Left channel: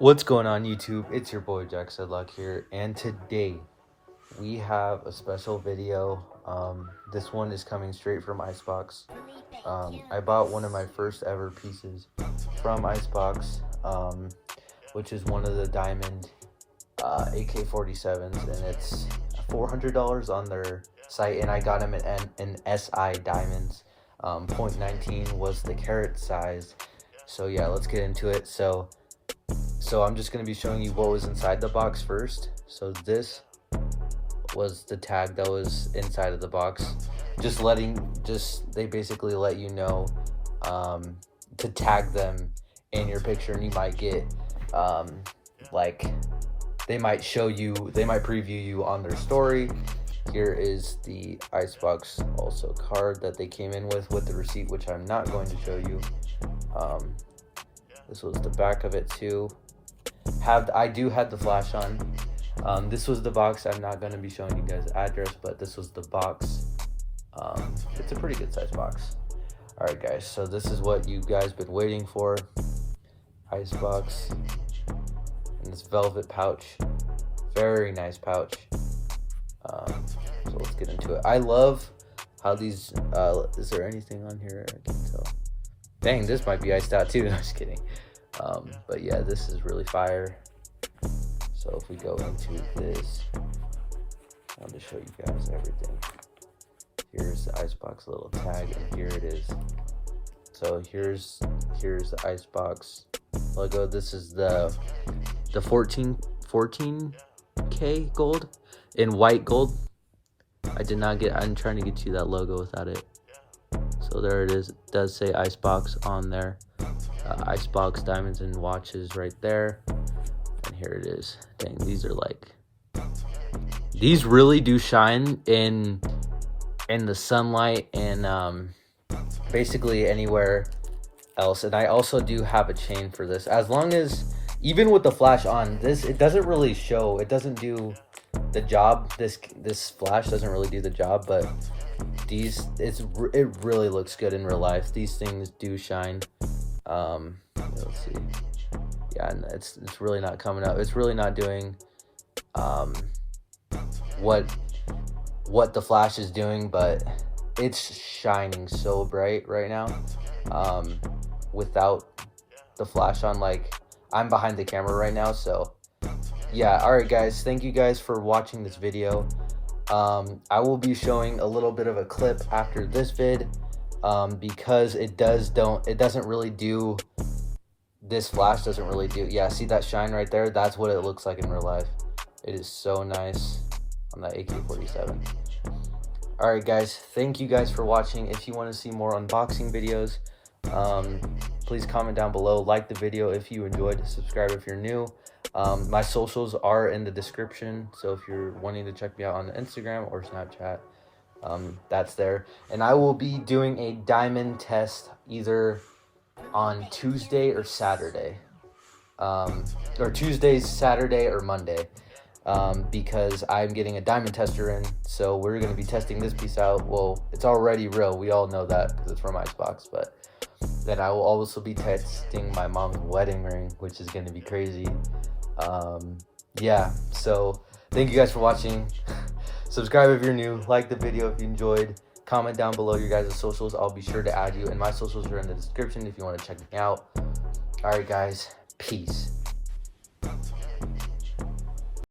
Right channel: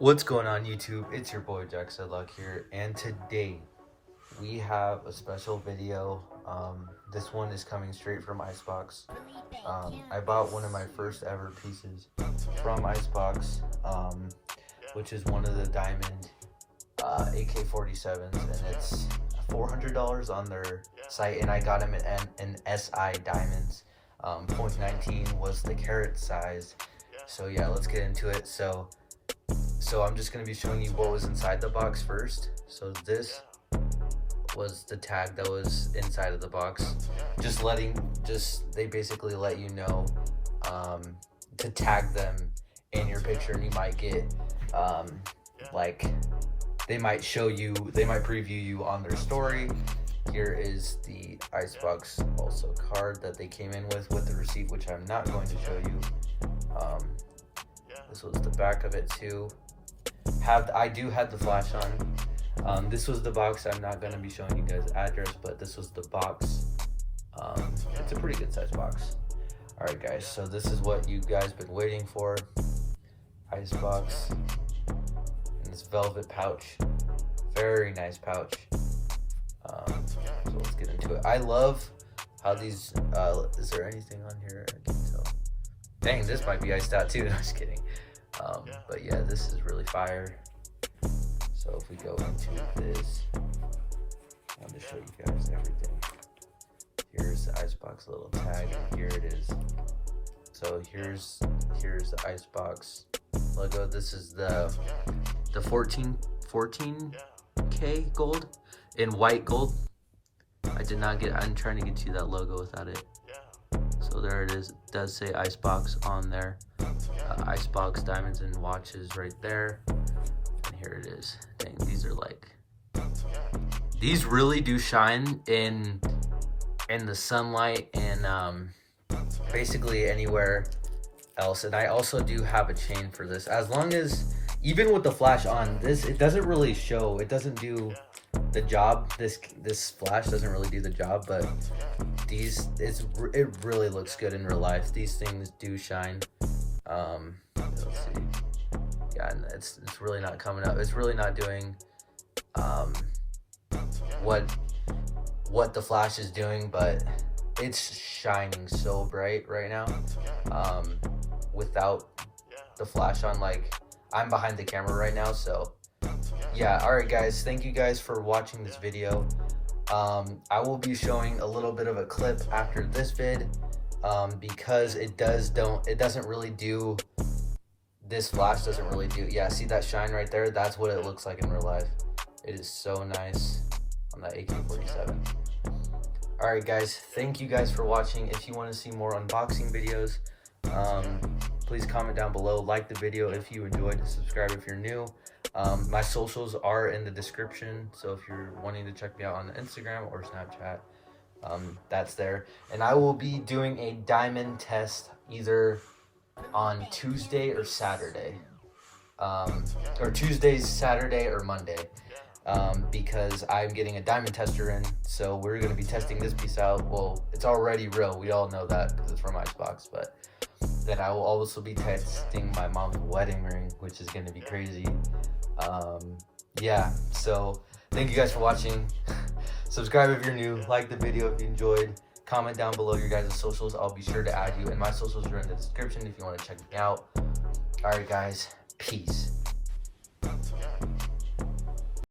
What's going on, YouTube? It's your boy Jack Sedlock here, and today we have a special video. This one is coming straight from Icebox. I bought one of my first ever pieces from Icebox, which is one of the diamond AK-47s, and it's $400 on their site, and I got them in SI diamonds. 0.19 was the carat size. So yeah, let's get into it. So I'm just going to be showing you what was inside the box first. So this was the tag that was inside of the box. They basically let you know to tag them in your picture, and you might get they might preview you on their story. Here is the Icebox also card that they came in with the receipt, which I'm not going to show you. This was the back of it too. I do have the flash on. This was the box. I'm not going to be showing you guys the address, but this was the box. It's a pretty good size box. Alright guys, so this is what you guys been waiting for. Icebox in this velvet pouch. Very nice pouch. So let's get into it. I love how these is there anything on here? I think so. Dang, this might be iced out too. I'm just kidding. But yeah, this is really fire. So if we go into this, I'll just show you guys everything. Here's the Icebox little tag, and here it is. So here's the Icebox logo. This is the 14K gold in white gold. I'm trying to get you that logo without it. So there it is. It does say Icebox on there. Icebox diamonds and watches right there. And here it is. Dang, these really do shine in the sunlight and basically anywhere else. And I also do have a chain for this. As long as, even with the flash on, it doesn't really show. It doesn't do the job. This flash doesn't really do the job, but it really looks good in real life. These things do shine. Let's see. Yeah, and it's really not coming up. It's really not doing what the flash is doing, but it's shining so bright right now. Without the flash on, like, I'm behind the camera right now, so yeah. Alright guys, thank you guys for watching this video. I will be showing a little bit of a clip after this vid, because this flash doesn't really do, yeah, see that shine right there? That's what it looks like in real life. It is so nice on that AK-47. Alright guys, thank you guys for watching. If you want to see more unboxing videos, please comment down below, like the video if you enjoyed, subscribe if you're new. My socials are in the description, so if you're wanting to check me out on the Instagram or Snapchat, that's there. And I will be doing a diamond test either on Tuesday or Saturday, or Tuesday, Saturday, or Monday, because I'm getting a diamond tester in, so we're going to be testing this piece out. Well, it's already real, we all know that because it's from Icebox, but then I will also be testing my mom's wedding ring, which is going to be crazy. Yeah, so thank you guys for watching. Subscribe if you're new, like the video if you enjoyed, comment down below your guys' socials. I'll be sure to add you, and my socials are in the description if you want to check me out. Alright guys, peace.